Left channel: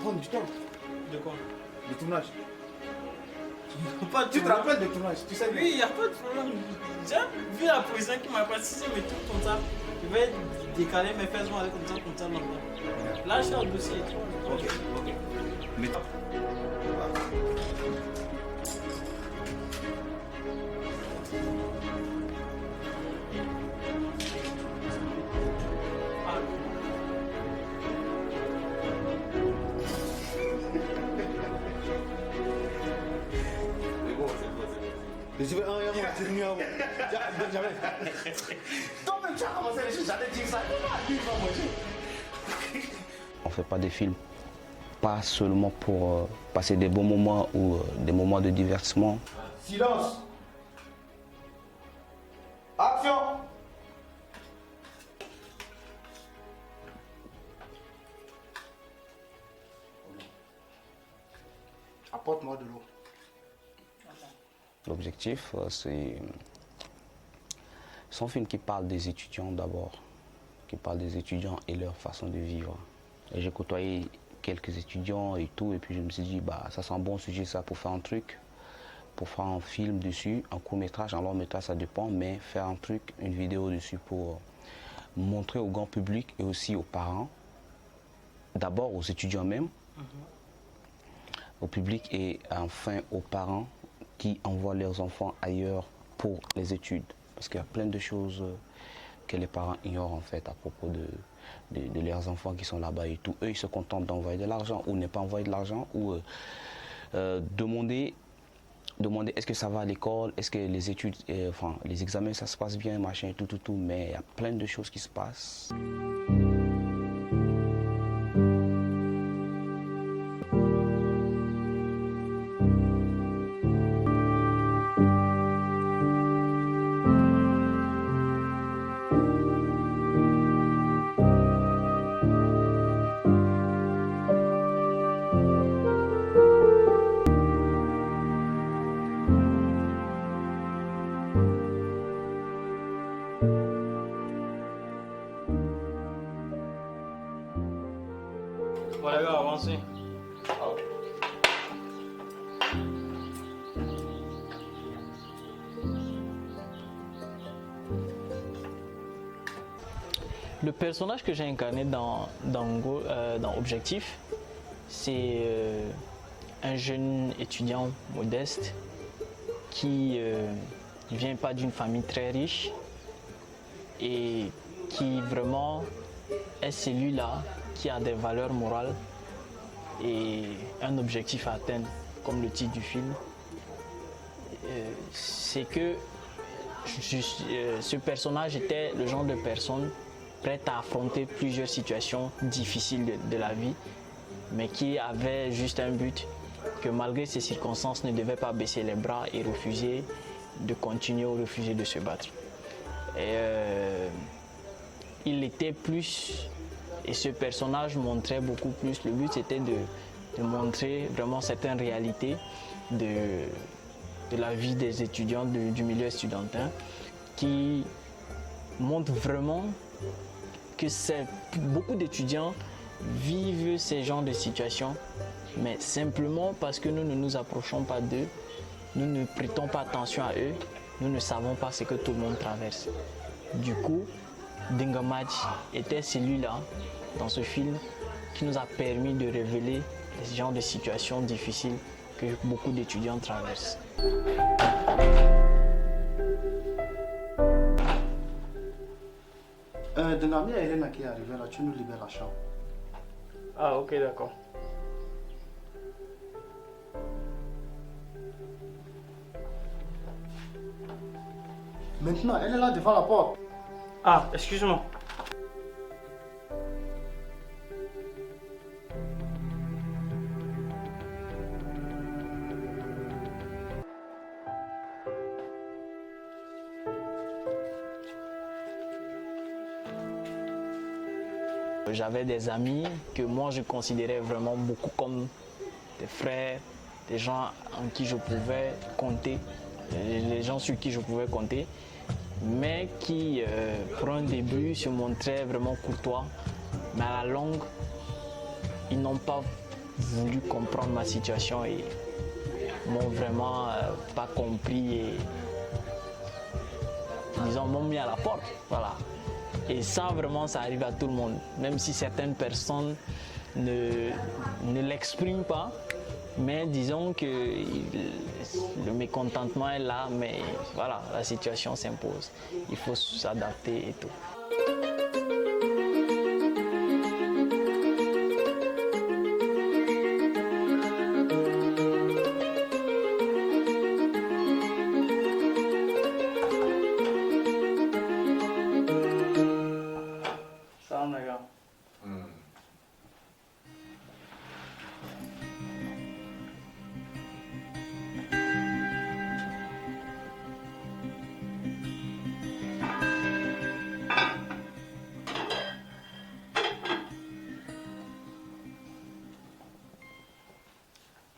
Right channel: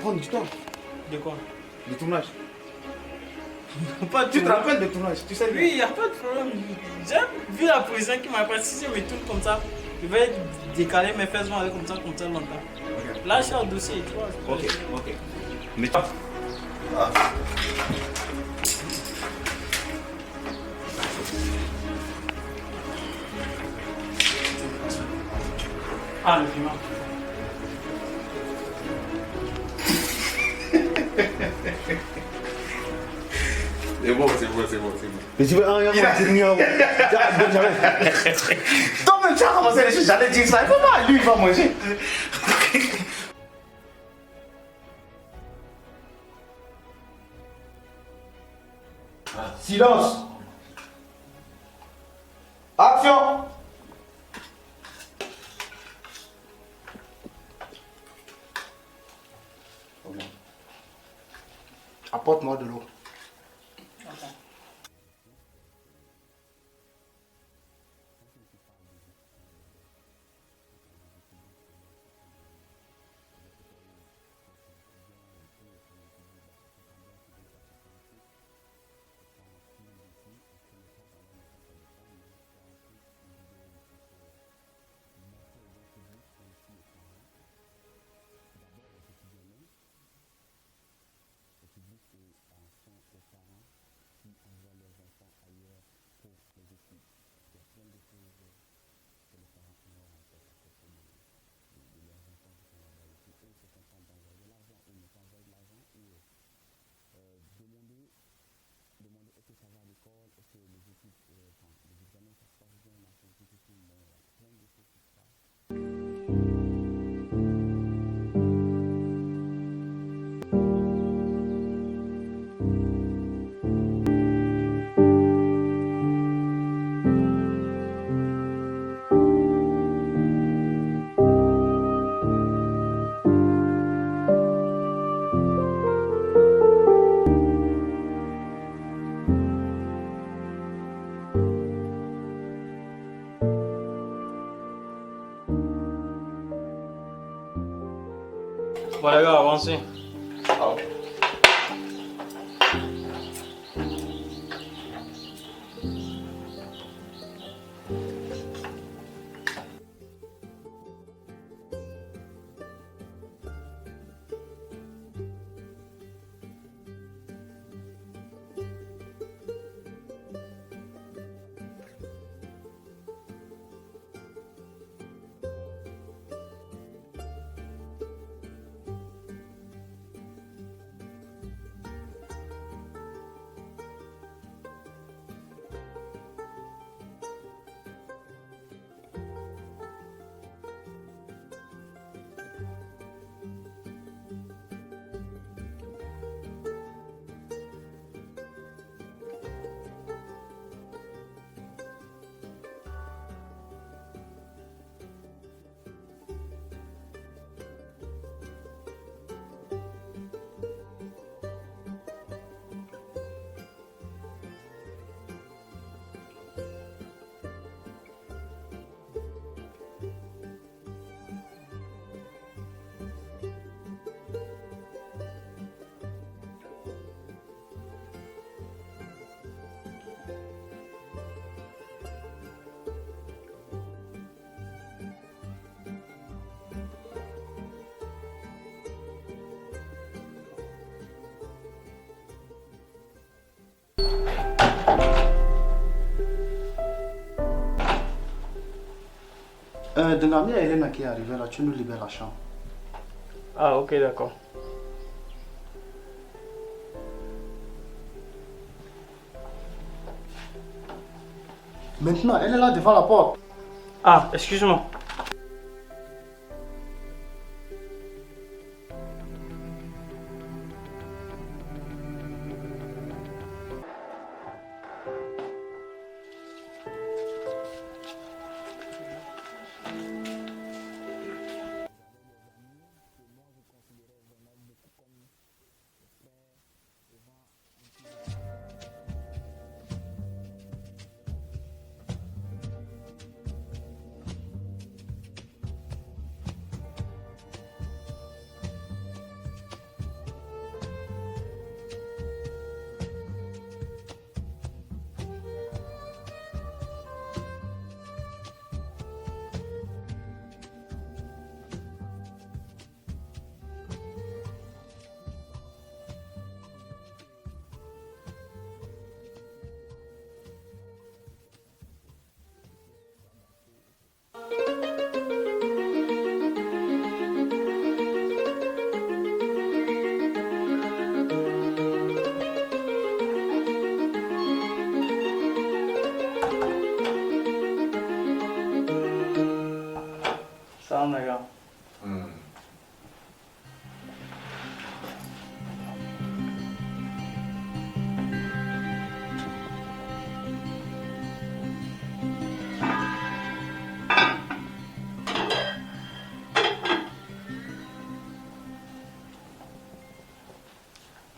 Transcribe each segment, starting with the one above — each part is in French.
prendre du temps. De quoi? Le tournage. Pas de Tu te problème. rappelles du tournage, tu sais bien. Oui, il n'y a pas de problème. J'ai vu la position qui m'a pas. Si je me tourne comme ça, je vais décaler mes fesses vont aller comme ça longtemps. Ok. Là, je suis au dossier et toi. Ok, ok. Mais toi. Ah. Ah, le piment. C'est bon, c'est bon, c'est bon, c'est bon. Mais tu veux un rien, Toi-même, tu as commencé les choses, j'allais dire ça. Comment lui, il va manger? On ne fait pas des films pas seulement pour passer des bons moments ou des moments de divertissement. Silence. Action. Apporte-moi de l'eau. L'objectif, c'est un film qui parle des étudiants d'abord, qui parle des étudiants et leur façon de vivre. Et j'ai côtoyé quelques étudiants et tout, et puis je me suis dit, bah, ça c'est un bon sujet ça pour faire un truc, pour faire un film dessus, un court métrage, un long métrage, ça dépend, mais faire un truc, une vidéo dessus pour montrer au grand public et aussi aux parents, d'abord aux étudiants même, au public et enfin aux parents qui envoient leurs enfants ailleurs pour les études. Parce qu'il y a plein de choses que les parents ignorent en fait à propos de leurs enfants qui sont là-bas et tout. Eux, ils se contentent d'envoyer de l'argent ou ne pas envoyer de l'argent ou demander est-ce que ça va à l'école, est-ce que les études, enfin les examens ça se passe bien, machin, tout, mais il y a plein de choses qui se passent. Bon, les gars, avancez. Le personnage que j'ai incarné dans Objectif, c'est un jeune étudiant modeste qui ne vient pas d'une famille très riche et qui vraiment est celui-là qui a des valeurs morales et un objectif à atteindre, comme le titre du film. C'est que ce personnage était le genre de personne prête à affronter plusieurs situations difficiles de la vie, mais qui avait juste un but, que malgré ces circonstances ne devait pas baisser les bras et refuser de continuer ou refuser de se battre. Et, il était plus, et ce personnage montrait beaucoup plus, le but c'était de montrer vraiment certaines réalités de la vie des étudiants du milieu estudiantin, qui montre vraiment que beaucoup d'étudiants vivent ces genres de situations, mais simplement parce que nous ne nous approchons pas d'eux, nous ne prêtons pas attention à eux, nous ne savons pas ce que tout le monde traverse. Du coup, Dingamadji était celui-là, dans ce film, qui nous a permis de révéler les genres de situations difficiles que beaucoup d'étudiants traversent. Dengami et Elena qui est arrivée là, tu nous libères la chambre. Ah, ok, d'accord. Maintenant, elle est là devant la porte. Ah, excuse-moi. J'avais des amis que moi je considérais vraiment beaucoup comme des frères, des gens en qui je pouvais compter, les gens sur qui je pouvais compter, mais qui, pour un début, se montraient vraiment courtois, mais à la longue, ils n'ont pas voulu comprendre ma situation et m'ont vraiment pas compris et disons m'ont mis à la porte. Voilà. Et ça vraiment ça arrive à tout le monde, même si certaines personnes ne l'expriment pas, mais disons que le mécontentement est là, mais voilà, la situation s'impose. Il faut s'adapter et tout. Ça, on regarde.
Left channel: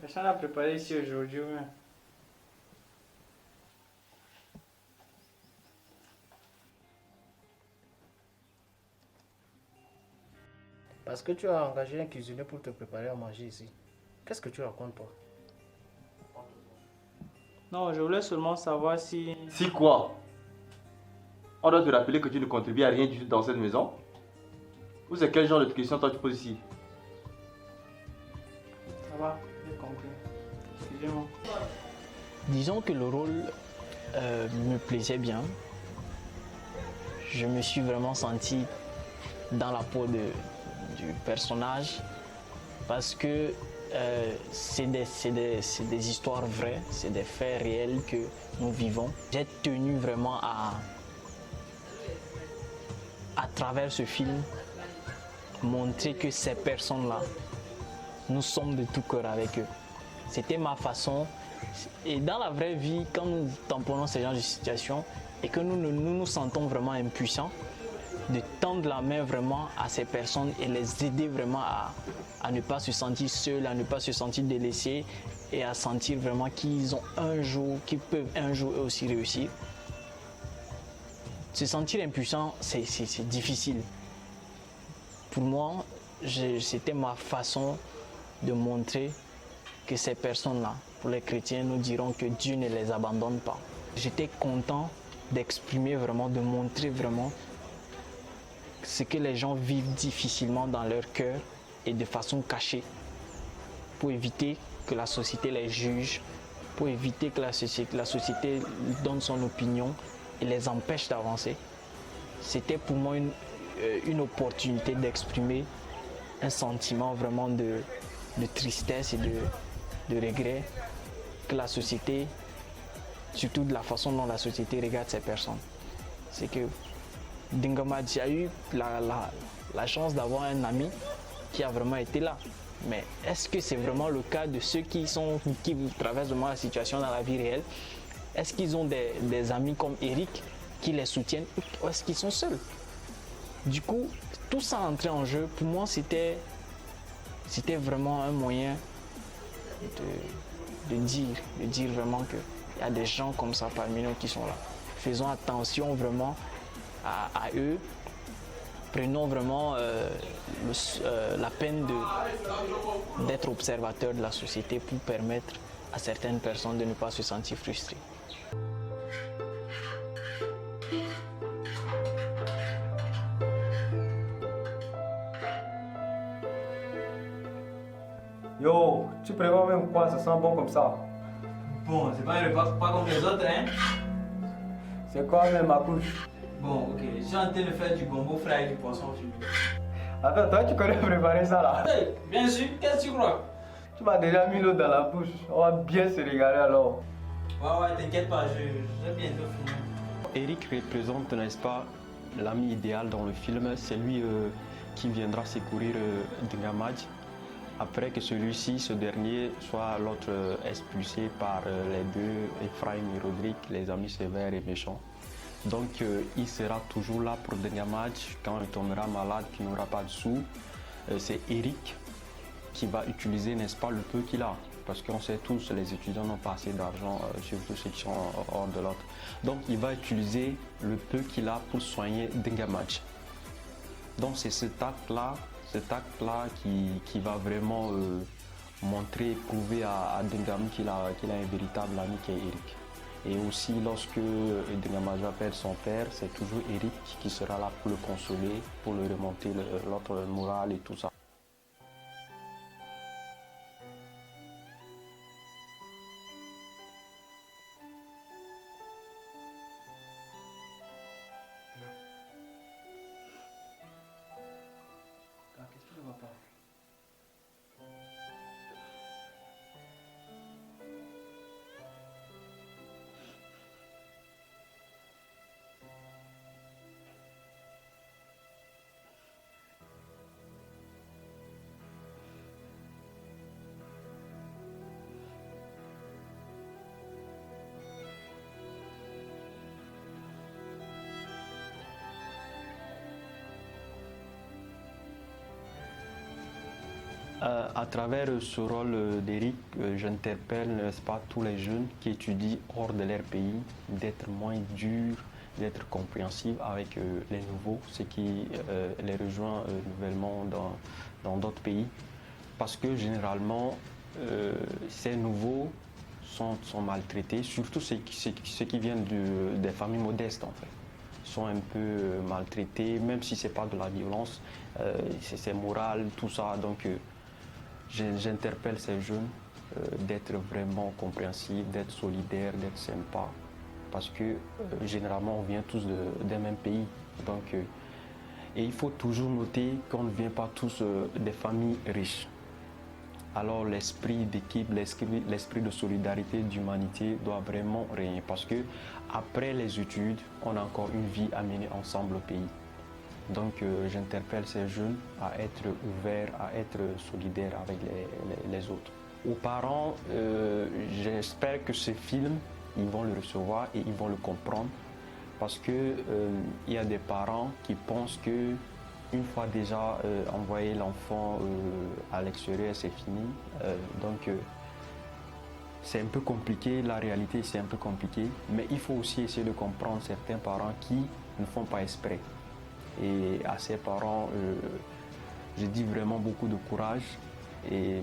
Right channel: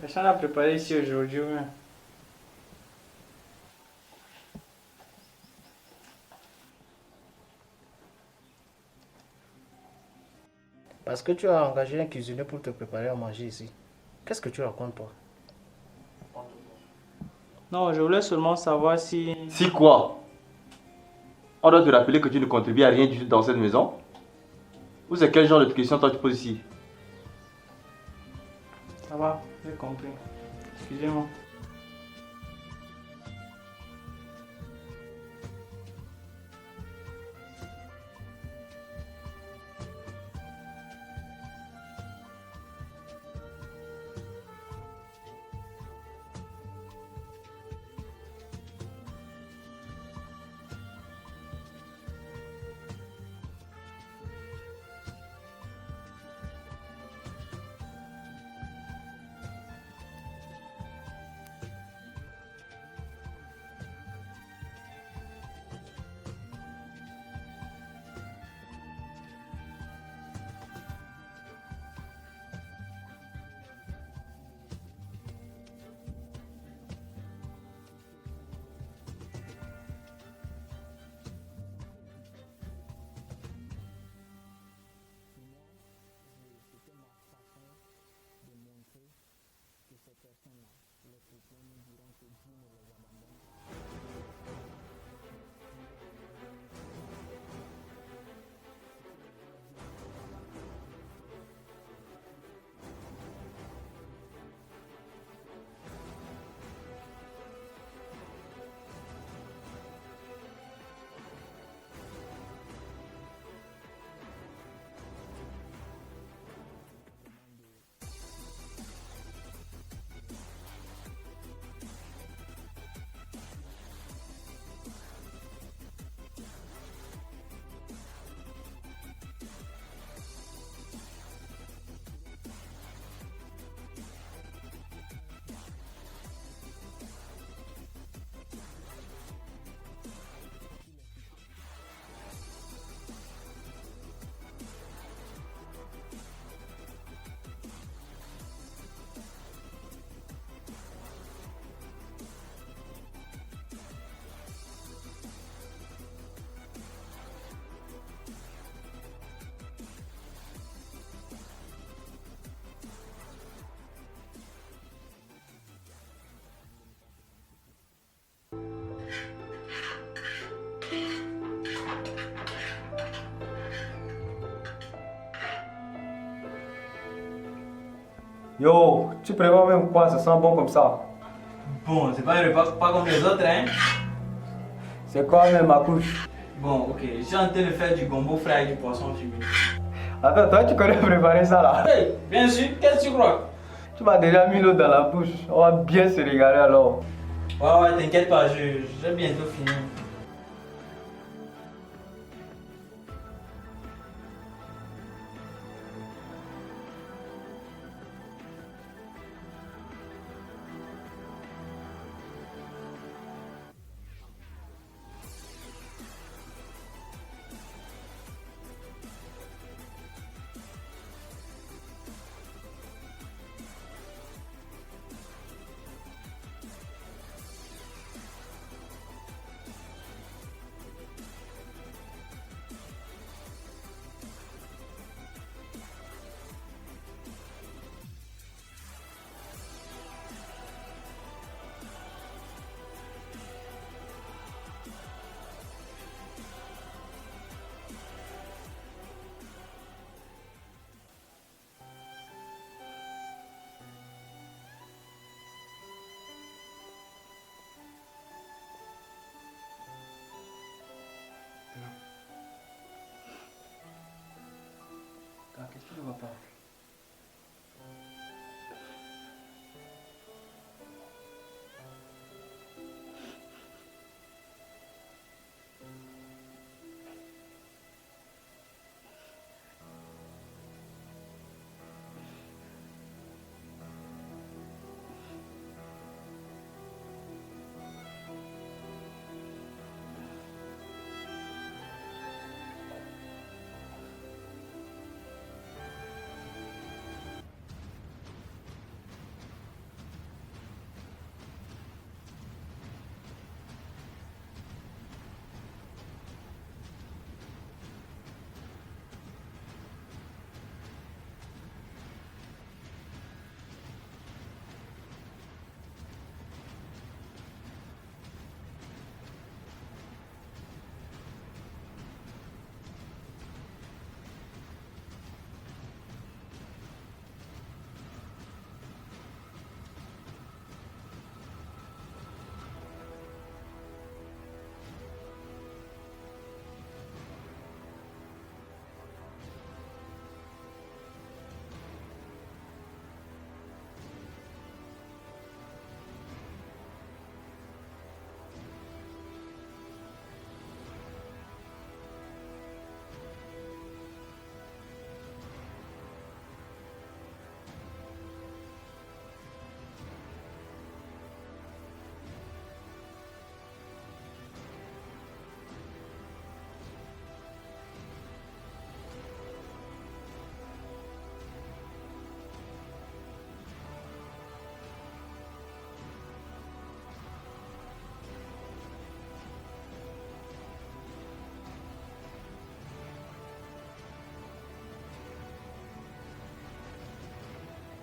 Personne n'a préparé ici aujourd'hui. Ouais. Parce que tu as engagé un cuisinier pour te préparer à manger ici. Qu'est-ce que tu racontes, toi? Non, je voulais seulement savoir si... Si quoi? On doit te rappeler que tu ne contribues à rien du tout dans cette maison? Ou c'est quel genre de question toi tu poses ici? Ça va, j'ai compris. Excusez-moi. Disons que le rôle me plaisait bien. Je me suis vraiment senti dans la peau du personnage parce que c'est des histoires vraies, c'est des faits réels que nous vivons. J'ai tenu vraiment à travers ce film, montrer que ces personnes-là, nous sommes de tout cœur avec eux. C'était ma façon. Et dans la vraie vie, quand nous tamponnons ces genres de situations et que nous nous sentons vraiment impuissants, de tendre la main vraiment à ces personnes et les aider vraiment à ne pas se sentir seuls, à ne pas se sentir délaissés et à sentir vraiment qu'ils peuvent un jour eux aussi réussir. Se sentir impuissant, c'est difficile. Pour moi, c'était ma façon de montrer que ces personnes-là, pour les chrétiens, nous dirons que Dieu ne les abandonne pas. J'étais content d'exprimer vraiment, de montrer vraiment ce que les gens vivent difficilement dans leur cœur et de façon cachée, pour éviter que la société les juge, pour éviter que la société donne son opinion et les empêche d'avancer. C'était pour moi une opportunité d'exprimer un sentiment vraiment de tristesse et de regret que la société, surtout de la façon dont la société regarde ces personnes. C'est que Dingamadji a eu la chance d'avoir un ami qui a vraiment été là. Mais est-ce que c'est vraiment le cas de ceux qui traversent vraiment la situation dans la vie réelle? Est-ce qu'ils ont des amis comme Eric qui les soutiennent ou est-ce qu'ils sont seuls? Du coup, tout ça entrait en jeu. Pour moi, c'était vraiment un moyen de dire vraiment qu'il y a des gens comme ça parmi nous qui sont là. Faisons attention vraiment à eux. Prenons vraiment la peine d'être observateur de la société pour permettre à certaines personnes de ne pas se sentir frustrées. Yo, tu prévois même quoi? Ça sent bon comme ça. Bon, c'est pas un repas pas comme les autres, hein? C'est quoi même ma couche? Bon, ok, je suis en train de faire du gombo frais avec du poisson fumé. Attends, toi tu connais préparer ça là? Hey, bien sûr, qu'est-ce que tu crois? Tu m'as déjà mis l'eau dans la bouche. On va bien se régaler alors. Ouais, t'inquiète pas, je vais bientôt finir. Eric représente, n'est-ce pas, l'ami idéal dans le film. C'est lui qui viendra secourir Dingamadji après que celui-ci, ce dernier, soit l'autre expulsé par les deux, Ephraim et Rodrigue, les amis sévères et méchants. Donc il sera toujours là pour Dingamadji quand il tombera malade, qu'il n'aura pas de sous. C'est Eric qui va utiliser, n'est-ce pas, le peu qu'il a. Parce qu'on sait tous, les étudiants n'ont pas assez d'argent, surtout ceux qui sont hors de l'ordre. Donc il va utiliser le peu qu'il a pour soigner Dingamadji. Donc c'est cet acte-là qui va vraiment montrer, prouver à Dengam qu'il a un véritable ami qui est Eric. Et aussi lorsque Dengam appelle son père, c'est toujours Eric qui sera là pour le consoler, pour lui remonter l'autre morale et tout ça. Qu'est-ce qui ne va pas? À travers ce rôle d'Eric, j'interpelle, n'est-ce pas, tous les jeunes qui étudient hors de leur pays, d'être moins durs, d'être compréhensifs avec les nouveaux, ce qui les rejoint nouvellement dans d'autres pays. Parce que généralement, ces nouveaux sont maltraités, surtout ceux qui viennent des familles modestes en fait, sont un peu maltraités, même si ce n'est pas de la violence, c'est moral, tout ça. Donc, j'interpelle ces jeunes d'être vraiment compréhensifs, d'être solidaires, d'être sympas, parce que généralement on vient tous d'un même pays. Donc, et il faut toujours noter qu'on ne vient pas tous des familles riches. Alors l'esprit d'équipe, l'esprit de solidarité, d'humanité doit vraiment régner, parce que après les études, on a encore une vie à mener ensemble au pays. Donc j'interpelle ces jeunes à être ouverts, à être solidaires avec les autres. Aux parents, j'espère que ce film, ils vont le recevoir et ils vont le comprendre, parce que il y a des parents qui pensent que une fois déjà envoyé l'enfant à l'extérieur, c'est fini. Donc c'est un peu compliqué, la réalité c'est un peu compliqué, mais il faut aussi essayer de comprendre certains parents qui ne font pas exprès. Et à ces parents, je dis vraiment beaucoup de courage, et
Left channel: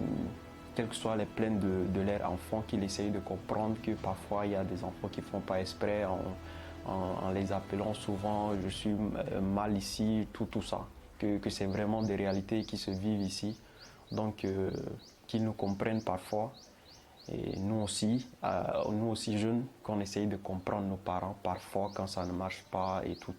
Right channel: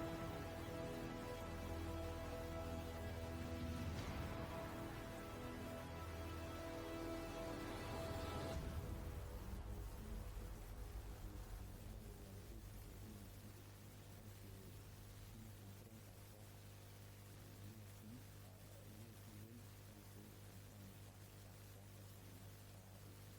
quelles que soient les plaintes de leurs enfants, qu'ils essayent de comprendre que parfois il y a des enfants qui ne font pas exprès en les appelant souvent « je suis mal ici », tout ça, que c'est vraiment des réalités qui se vivent ici, donc qu'ils nous comprennent parfois. Et nous aussi jeunes, qu'on essaye de comprendre nos parents parfois quand ça ne marche pas et tout.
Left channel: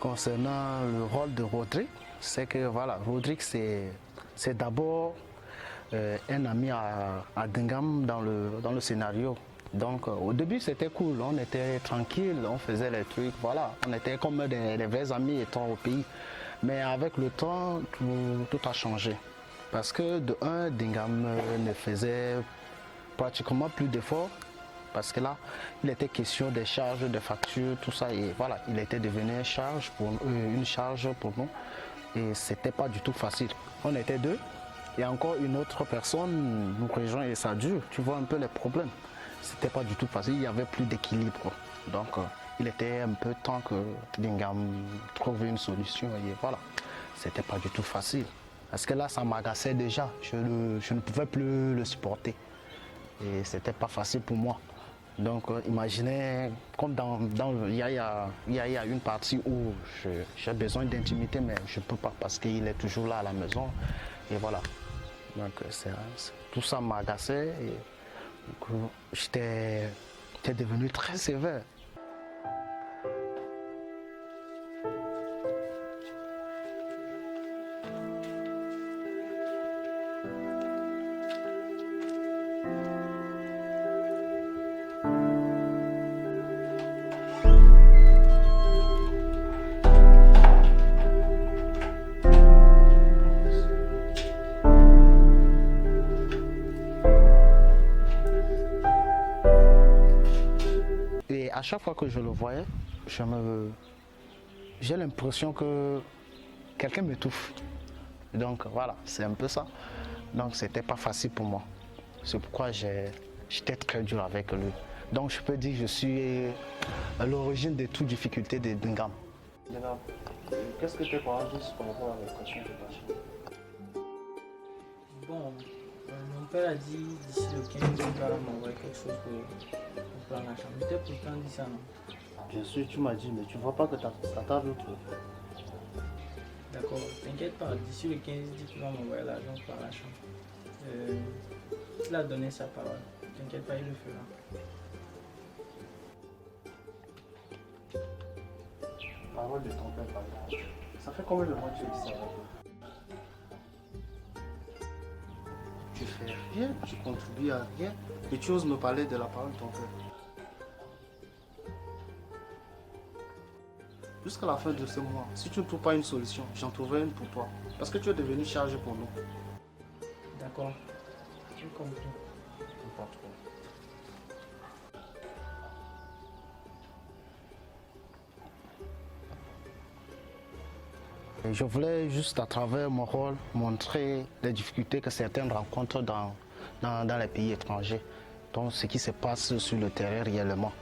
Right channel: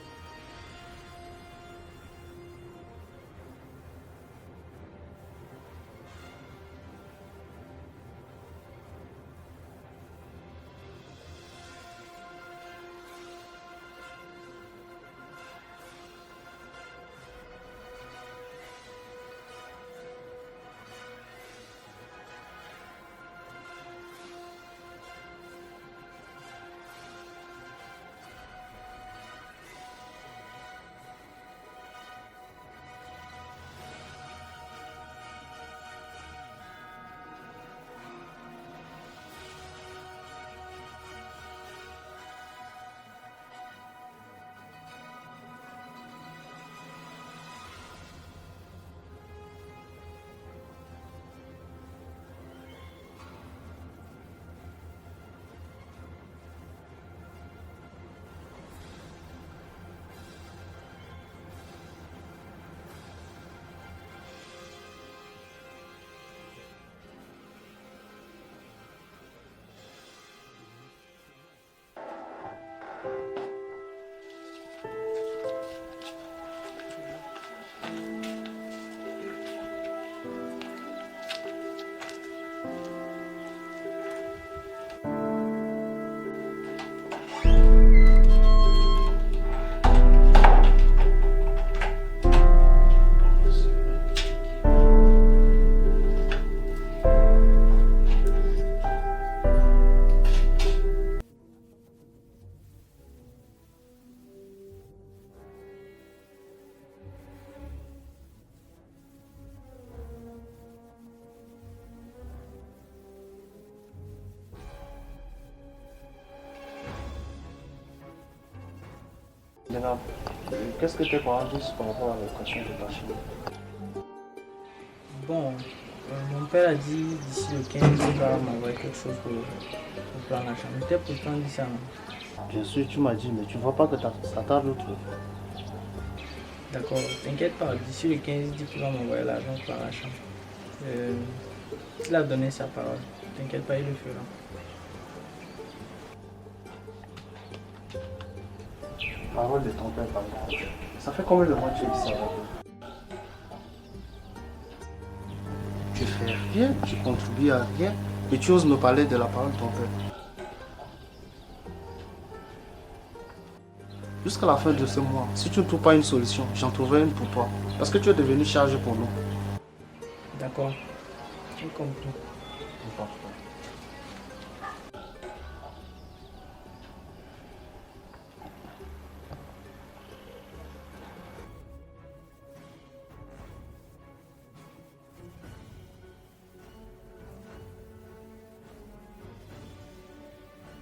Concernant le rôle de Rodrigue, c'est que voilà, Rodrigue c'est d'abord un ami à Dengam dans le scénario. Donc au début c'était cool, on était tranquille, on faisait les trucs, voilà, on était comme des vrais amis étant au pays. Mais avec le temps, tout a changé. Parce que de un, Dengam ne faisait pratiquement plus d'efforts. Parce que là, il était question des charges, des factures, tout ça. Et voilà, il était devenu une charge pour nous. Et c'était pas du tout facile. On était deux. Et encore une autre personne nous rejoint et ça dure. Tu vois un peu les problèmes. C'était pas du tout facile. Il n'y avait plus d'équilibre. Donc, il était un peu temps que Dengam trouve une solution. Et voilà, c'était pas du tout facile. Parce que là, ça m'agaçait déjà. Je ne pouvais plus le supporter. Et c'était pas facile pour moi. Donc imaginez, comme il y a une partie où j'ai besoin d'intimité, mais je ne peux pas parce qu'il est toujours là à la maison. Et voilà. Donc tout ça m'a agacé et j'étais devenu très sévère. chaque fois que je le voyais, j'ai l'impression que quelqu'un m'étouffe. Donc voilà, c'est un peu ça. Donc c'était pas facile pour moi. C'est pourquoi j'étais très dur avec lui. Donc je peux dire que je suis à l'origine de toute difficulté de Dingam. Maintenant, qu'est-ce que tes parents disent par rapport à l'éducation de ta fille? Bon, mon père a dit d'ici le 15, il va m'envoyer quelque chose pour prendre la chambre. Il t'a pourtant dit ça, non? Bien sûr, tu m'as dit, mais tu vois pas que ta table trouve. D'accord, t'inquiète pas, d'ici le 15, il dit qu'il va m'envoyer l'argent pour prendre la chambre. Il a donné sa parole, t'inquiète pas, il le fera. Parole de ton père, pardon. Ça fait combien de mois que tu es ici avec eux? Tu fais rien, tu contribues à rien et tu oses me parler de la parole de ton père. Jusqu'à la fin de ce mois, si tu ne trouves pas une solution, j'en trouverai une pour toi. Parce que tu es devenu chargé pour nous. D'accord, j'ai compris. Je voulais juste à travers mon rôle montrer les difficultés que certains rencontrent dans les pays étrangers. Donc ce qui se passe sur le terrain réellement.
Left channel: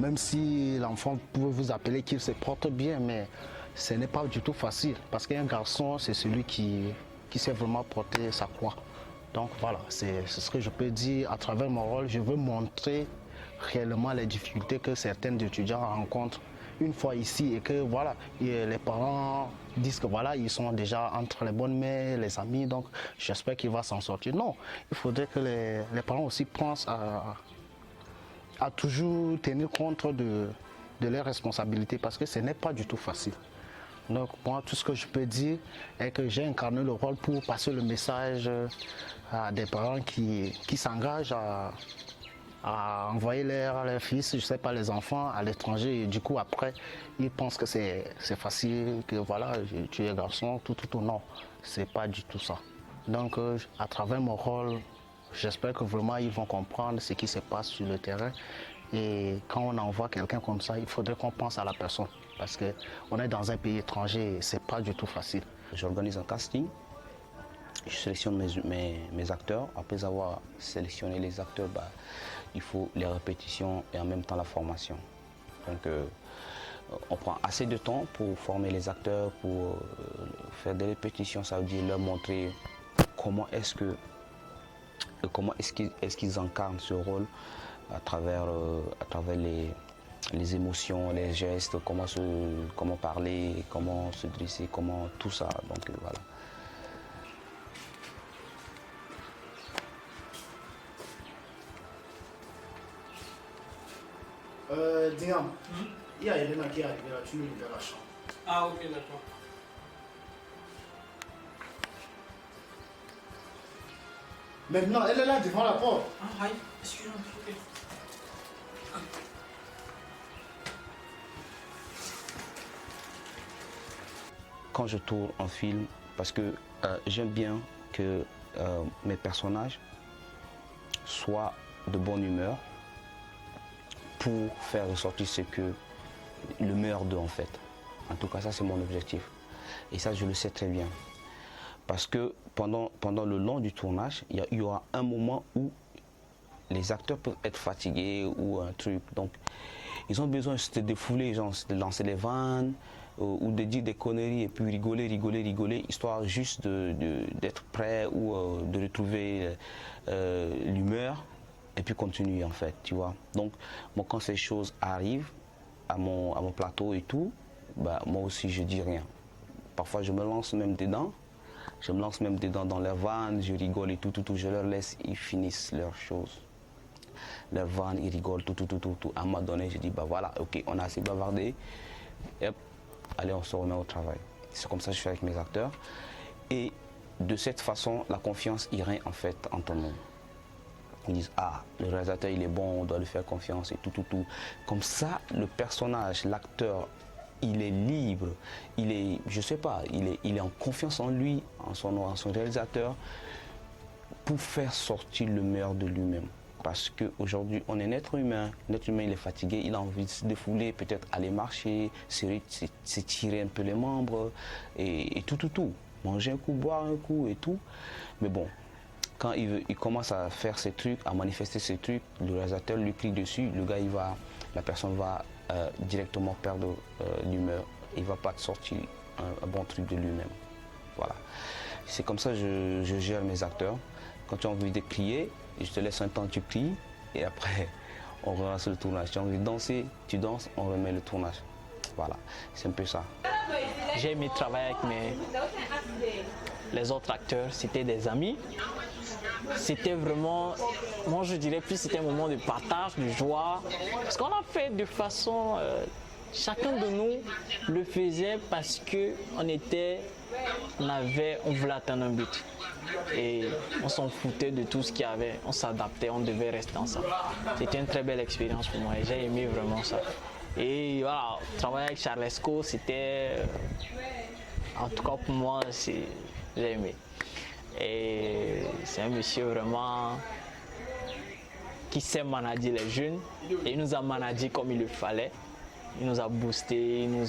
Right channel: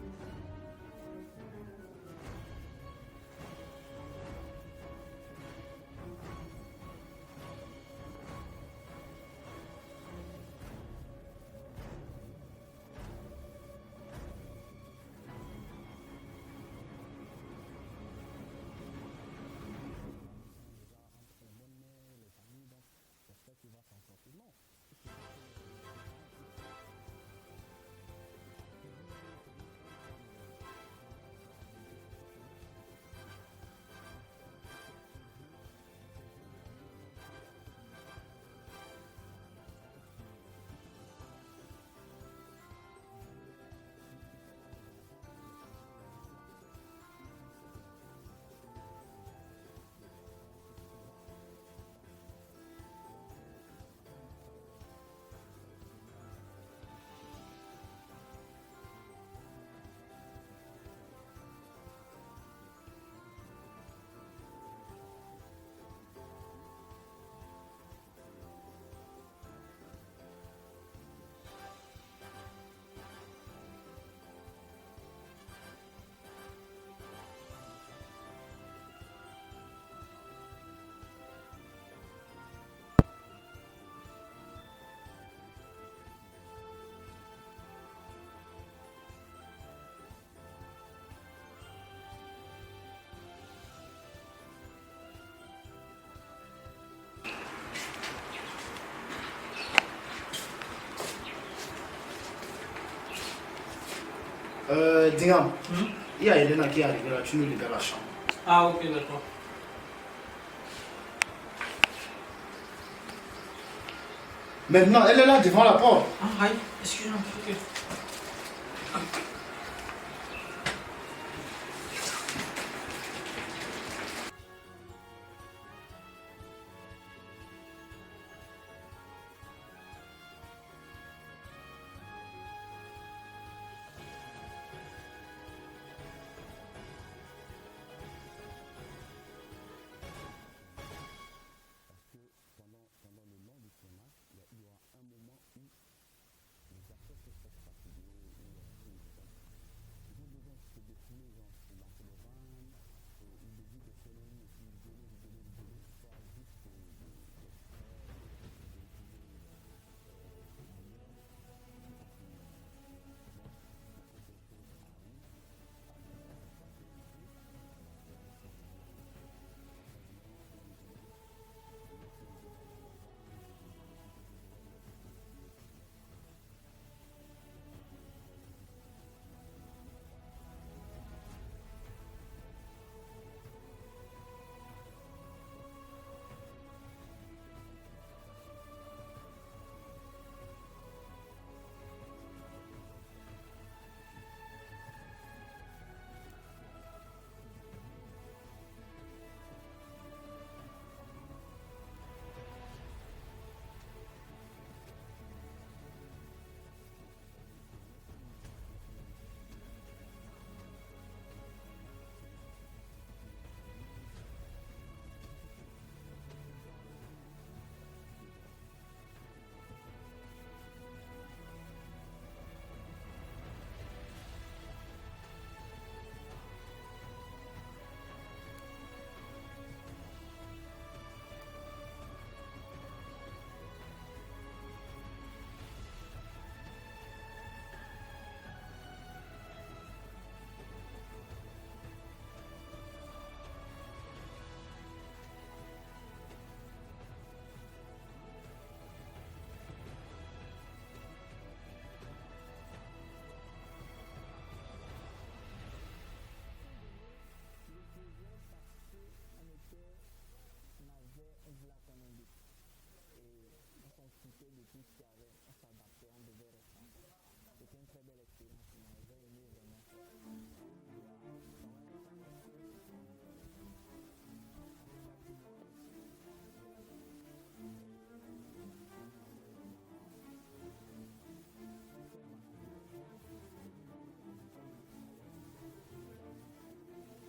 Même si l'enfant peut vous appeler qu'il se porte bien, mais ce n'est pas du tout facile. Parce qu'un garçon, c'est celui qui sait vraiment porter sa croix. Donc voilà, c'est ce que je peux dire à travers mon rôle. Je veux montrer réellement les difficultés que certains étudiants rencontrent une fois ici et que voilà, et les parents disent que voilà, ils sont déjà entre les bonnes mains, les amis, donc j'espère qu'il va s'en sortir. Non, il faudrait que les parents aussi pensent à toujours tenir compte de leurs responsabilités parce que ce n'est pas du tout facile. Donc moi, tout ce que je peux dire est que j'ai incarné le rôle pour passer le message à des parents qui s'engagent à envoyer leurs fils, je ne sais pas, les enfants à l'étranger. Et du coup, après, ils pensent que c'est facile, que voilà, tu es garçon, tout. Non, c'est pas du tout ça. Donc, à travers mon rôle, j'espère que vraiment ils vont comprendre ce qui se passe sur le terrain. Et quand on envoie quelqu'un comme ça, il faudrait qu'on pense à la personne. Parce qu'on est dans un pays étranger et ce n'est pas du tout facile. J'organise un casting. Je sélectionne mes acteurs. Après avoir sélectionné les acteurs, il faut les répétitions et en même temps la formation. Donc on prend assez de temps pour former les acteurs, pour faire des répétitions, ça veut dire leur montrer comment est-ce qu'ils incarnent ce rôle à travers les émotions, les gestes, comment parler, comment se dresser, comment tout ça. Donc voilà. Dingam, il y a Elena qui est arrivée là, tu nous libères la chambre. Ah ok, d'accord. Maintenant, elle est là devant la porte. Ah aïe, excuse-moi, ok. Quand je tourne un film, parce que j'aime bien que mes personnages soient de bonne humeur pour faire ressortir ce que le meilleur d'eux en fait. En tout cas, ça c'est mon objectif. Et ça, je le sais très bien. Parce que pendant le long du tournage, il y aura un moment où les acteurs peuvent être fatigués ou un truc. Donc, ils ont besoin de se défouler, genre de lancer les vannes ou de dire des conneries et puis rigoler, histoire juste d'être prêt ou de retrouver l'humeur et puis continuer en fait, tu vois. Donc, moi, quand ces choses arrivent à mon plateau et tout, moi aussi, je dis rien. Parfois, je me lance même dedans. Je me lance même dedans dans leurs vannes, je rigole et tout. Je leur laisse, ils finissent leurs choses. Leurs vannes, ils rigolent, tout. À un moment donné, je dis, voilà, ok, on a assez bavardé. Et hop, allez, on se remet au travail. C'est comme ça que je fais avec mes acteurs. Et de cette façon, la confiance irait en fait entre nous. Ils disent, le réalisateur, il est bon, on doit lui faire confiance et tout. Comme ça, le personnage, l'acteur, il est libre, il est, je sais pas, il est en confiance en lui, en son réalisateur, pour faire sortir le meilleur de lui-même. Parce qu'aujourd'hui, on est un être humain. L'être humain, il est fatigué, il a envie de se défouler, peut-être aller marcher, s'étirer un peu les membres et tout. Manger un coup, boire un coup et tout. Mais bon, quand il commence à faire ces trucs, à manifester ces trucs, le réalisateur lui clique dessus, la personne va directement perdre l'humeur. Il ne va pas sortir un bon truc de lui-même. Voilà. C'est comme ça que je gère mes acteurs. Quand tu as envie de crier, je te laisse un temps, tu cries, et après, on relance le tournage. Tu as envie de danser, tu danses, on remet le tournage. Voilà, c'est un peu ça. J'ai aimé travailler avec les autres acteurs, c'était des amis. C'était vraiment, moi je dirais plus c'était un moment de partage, de joie. Parce qu'on a fait de façon, chacun de nous le faisait parce qu'on voulait atteindre un but. Et on s'en foutait de tout ce qu'il y avait, on s'adaptait, on devait rester ensemble. C'était une très belle expérience pour moi et j'ai aimé vraiment ça. Et voilà, travailler avec Charles Esco, c'était, en tout cas pour moi, j'ai aimé. Et c'est un monsieur vraiment qui sait manager les jeunes et il nous a managé comme il le fallait. Il nous a boosté, il nous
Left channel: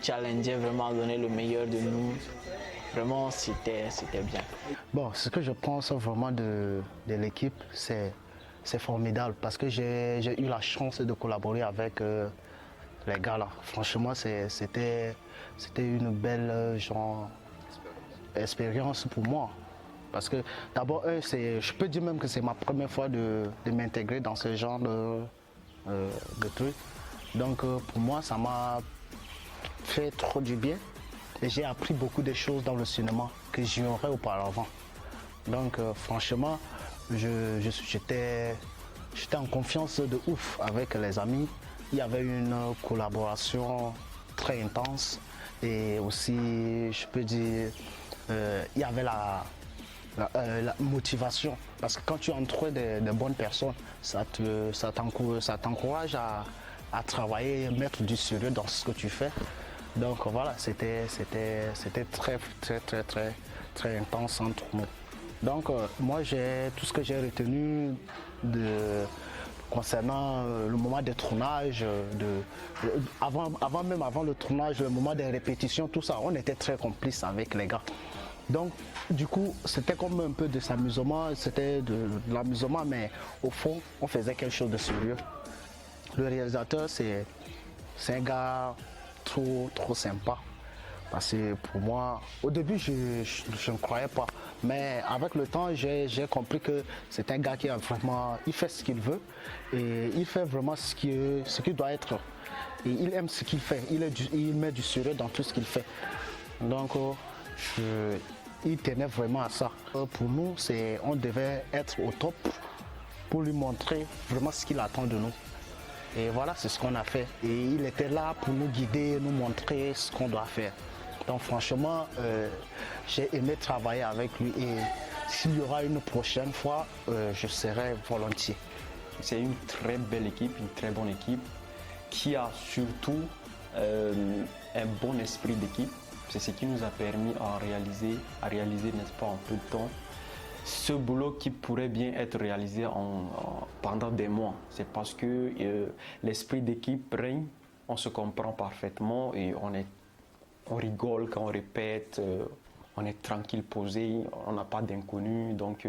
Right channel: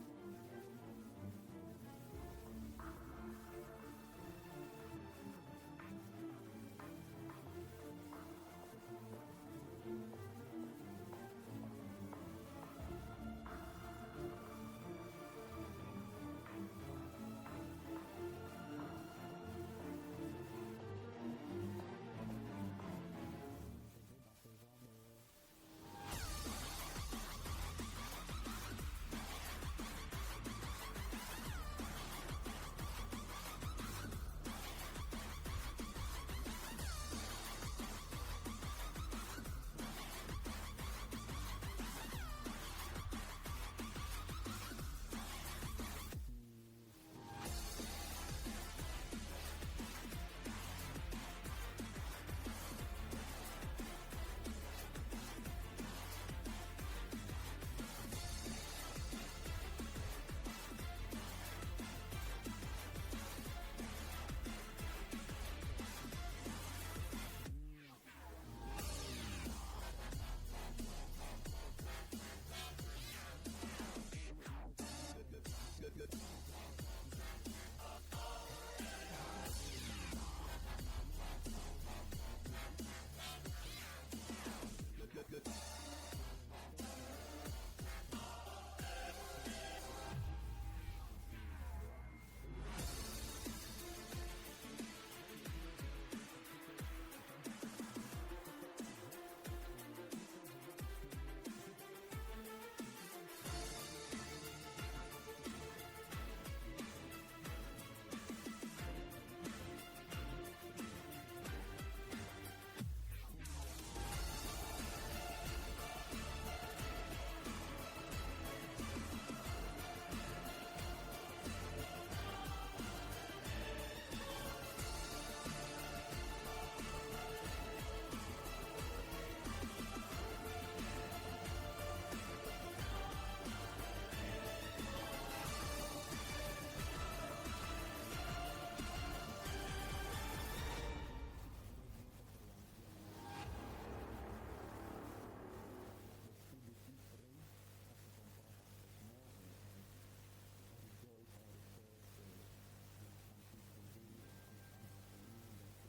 challengeait vraiment à donner le meilleur de nous. Vraiment, c'était bien. Bon, ce que je pense vraiment de l'équipe, c'est formidable parce que j'ai eu la chance de collaborer avec les gars là. Franchement, c'était une belle expérience pour moi. Parce que d'abord, je peux dire même que c'est ma première fois de m'intégrer dans ce genre de truc. Donc pour moi, ça m'a fait trop du bien. Et j'ai appris beaucoup de choses dans le cinéma que j'ignorais auparavant. Donc franchement, j'étais en confiance de ouf avec les amis. Il y avait une collaboration très intense et aussi, je peux dire, il y avait la motivation. Parce que quand tu entres des bonnes personnes, ça t'encourage à travailler, mettre du sérieux dans ce que tu fais. Donc voilà, c'était très intense entre nous. Donc moi, tout ce que j'ai retenu concernant le moment des tournages, avant le tournage, le moment des répétitions, tout ça, on était très complices avec les gars. Donc du coup, c'était comme un peu de s'amusement, c'était de l'amusement, mais au fond, on faisait quelque chose de sérieux. Le réalisateur, c'est un gars trop sympa. Parce que pour moi, au début, je ne croyais pas. Mais avec le temps, j'ai compris que c'est un gars qui il fait ce qu'il veut et il fait vraiment ce qu'il doit être. Et il aime ce qu'il fait. Il met du sérieux dans tout ce qu'il fait. Donc, il tenait vraiment à ça. Pour nous, on devait être au top pour lui montrer vraiment ce qu'il attend de nous. Et voilà, c'est ce qu'on a fait. Et il était là pour nous guider, nous montrer ce qu'on doit faire. Donc franchement, j'ai aimé travailler avec lui et s'il y aura une prochaine fois, je serai volontiers. C'est une très belle équipe, une très bonne équipe qui a surtout un bon esprit d'équipe. C'est ce qui nous a permis à réaliser, n'est-ce pas, en peu de temps, ce boulot qui pourrait bien être réalisé pendant des mois. C'est parce que l'esprit d'équipe règne, on se comprend parfaitement et on rigole quand on répète, on est tranquille, posé, on n'a pas d'inconnus, donc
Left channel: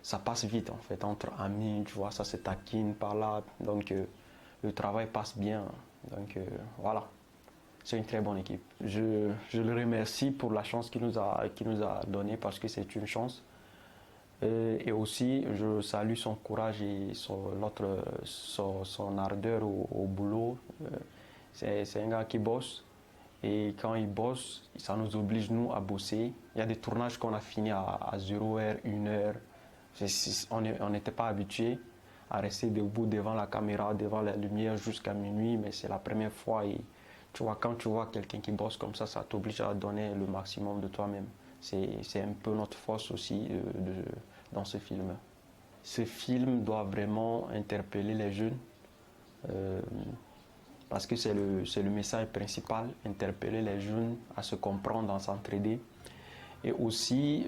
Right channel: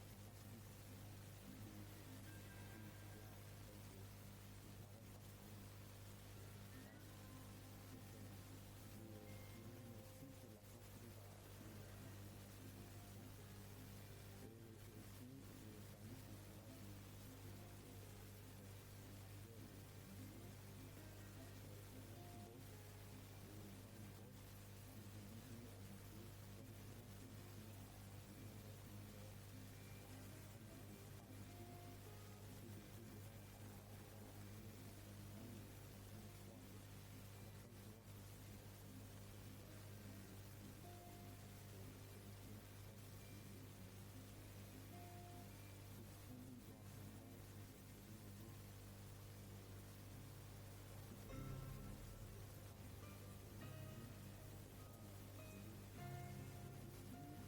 ça passe vite en fait, entre amis, tu vois, ça se taquine par là, donc le travail passe bien, donc voilà. C'est une très bonne équipe. Je le remercie pour la chance qu'il nous a donnée parce que c'est une chance. Et aussi, je salue son courage et son ardeur au boulot. C'est un gars qui bosse. Et quand il bosse, ça nous oblige, nous, à bosser. Il y a des tournages qu'on a fini à 0h, 1h. On n'était pas habitués à rester debout devant la caméra, devant la lumière jusqu'à minuit, mais c'est la première fois. Et tu vois, quand tu vois quelqu'un qui bosse comme ça t'oblige à donner le maximum de toi-même. C'est un peu notre force aussi dans ce film. Ce film doit vraiment interpeller les jeunes parce que c'est le message principal, interpeller les jeunes à se comprendre, à s'entraider. Et aussi,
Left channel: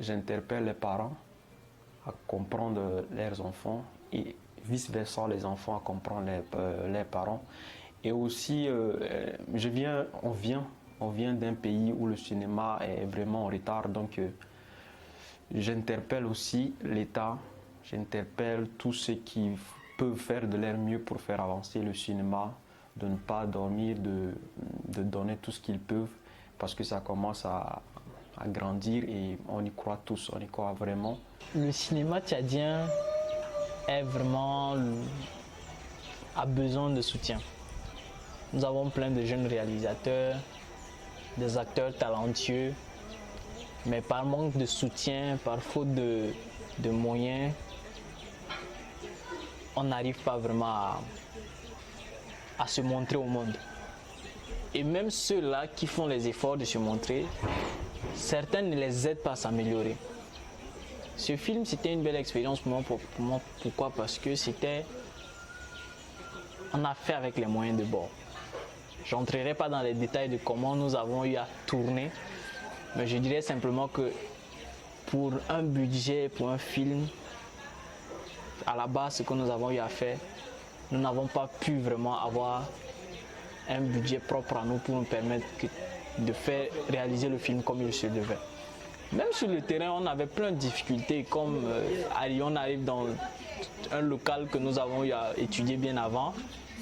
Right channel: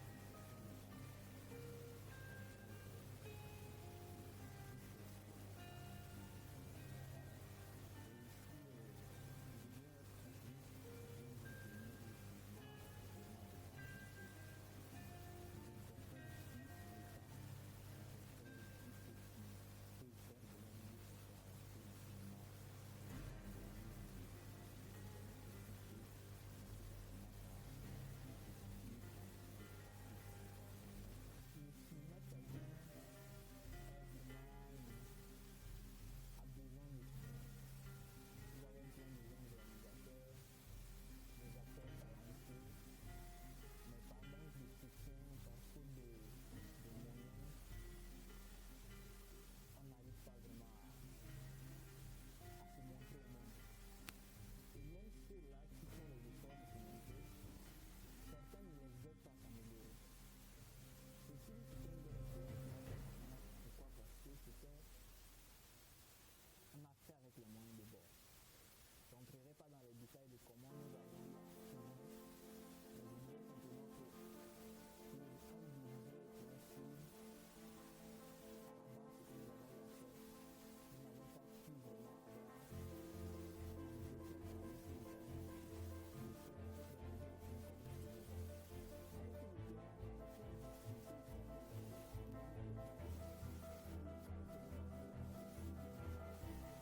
j'interpelle les parents à comprendre leurs enfants et vice-versa les enfants à comprendre leurs parents. Et aussi, on vient d'un pays où le cinéma est vraiment en retard, donc j'interpelle aussi l'État, j'interpelle tous ceux qui peuvent faire de leur mieux pour faire avancer le cinéma, de ne pas dormir, de donner tout ce qu'ils peuvent, parce que ça commence à grandir et on y croit tous, on y croit vraiment. Le cinéma tchadien a besoin de soutien. Nous avons plein de jeunes réalisateurs, des acteurs talentueux, mais par manque de soutien, par faute de moyens, on n'arrive pas vraiment à se montrer au monde. Et même ceux-là qui font les efforts de se montrer, certains ne les aident pas à s'améliorer. Ce film, c'était une belle expérience pour moi. Pourquoi? Parce que on a fait avec les moyens de bord. Je n'entrerai pas dans les détails de comment nous avons eu à tourner, mais je dirais simplement que pour un budget, pour un film, à la base, ce que nous avons eu à faire, nous n'avons pas pu vraiment avoir un budget propre à nous pour nous permettre de faire réaliser le film comme il se devait. Même sur le terrain, on avait plein de difficultés, comme on arrive dans un local que nous avons eu à étudier bien avant,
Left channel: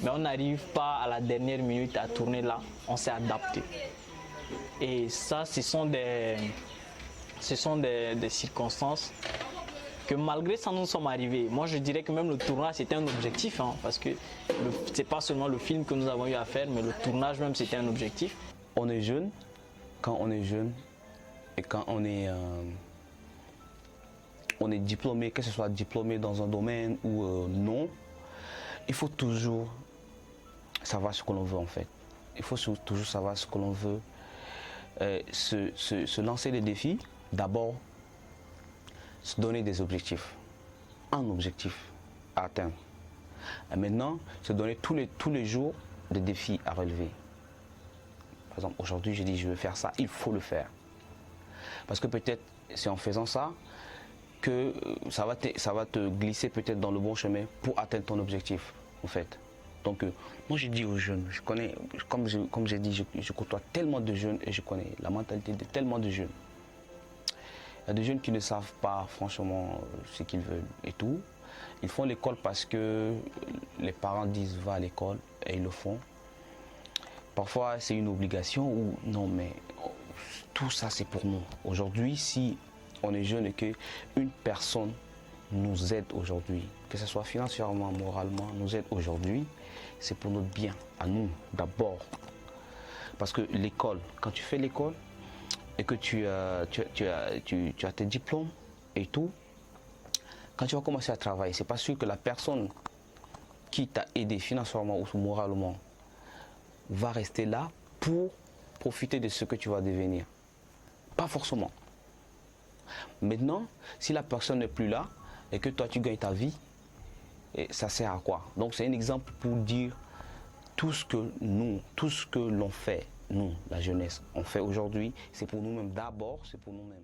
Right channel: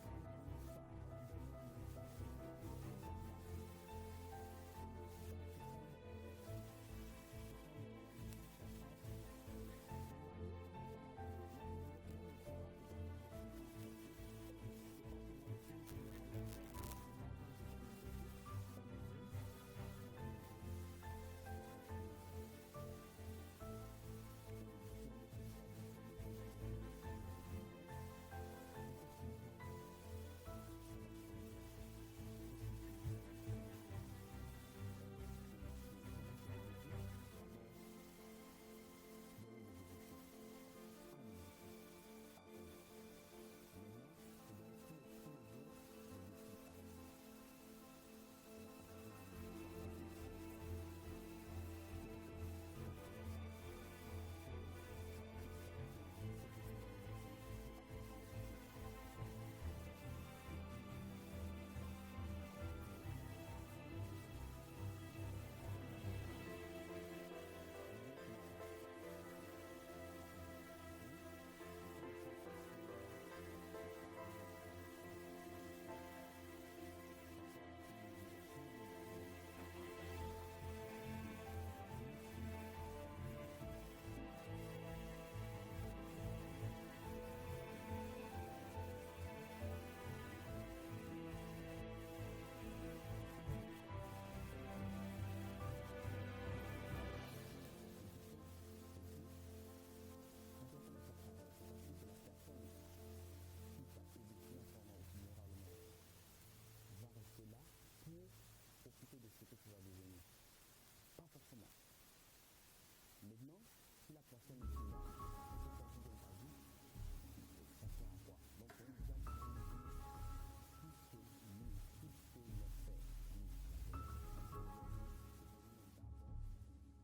mais on n'arrive pas à la dernière minute à tourner là, on s'est adapté. Et ça, ce sont des circonstances que malgré ça, nous sommes arrivés. Moi, je dirais que même le tournage, c'était un objectif, parce que c'est pas seulement le film que nous avons eu à faire, mais le tournage même, c'était un objectif. On est jeune, quand on est jeune, et quand on est diplômé, que ce soit diplômé dans un domaine ou non, il faut toujours savoir ce que l'on veut en fait. Il faut toujours savoir ce que l'on veut. Se lancer des défis, d'abord, se donner des objectifs. Un objectif à atteindre. Et maintenant, se donner tous les jours des défis à relever. Par exemple, aujourd'hui, je dis je veux faire ça, il faut le faire. Parce que peut-être c'est en faisant ça que ça va te glisser peut-être dans le bon chemin pour atteindre ton objectif en fait. Donc moi je dis aux jeunes, je connais, comme j'ai dit, je côtoie tellement de jeunes et je connais la mentalité de tellement de jeunes. Il y a des jeunes qui ne savent pas franchement ce qu'ils veulent et tout. Ils font l'école parce que les parents disent va à l'école et ils le font. Parfois c'est une obligation ou non, mais tout ça c'est pour nous. Aujourd'hui, si on est jeune et qu'une personne nous aide aujourd'hui, que ce soit financièrement, moralement, nous aide aujourd'hui, c'est pour notre bien, à nous d'abord. Parce que l'école, quand tu fais l'école et que tu as tes diplômes et tout, quand tu vas commencer à travailler, c'est pas sûr que la personne qui t'a aidé financièrement ou moralement va rester là pour profiter de ce que tu vas devenir. Pas forcément. Maintenant, si la personne n'est plus là et que toi tu gagnes ta vie, et ça sert à quoi? Donc c'est un exemple pour dire tout ce que l'on fait, nous, la jeunesse, on fait aujourd'hui, c'est pour nous-mêmes d'abord, c'est pour nous-mêmes.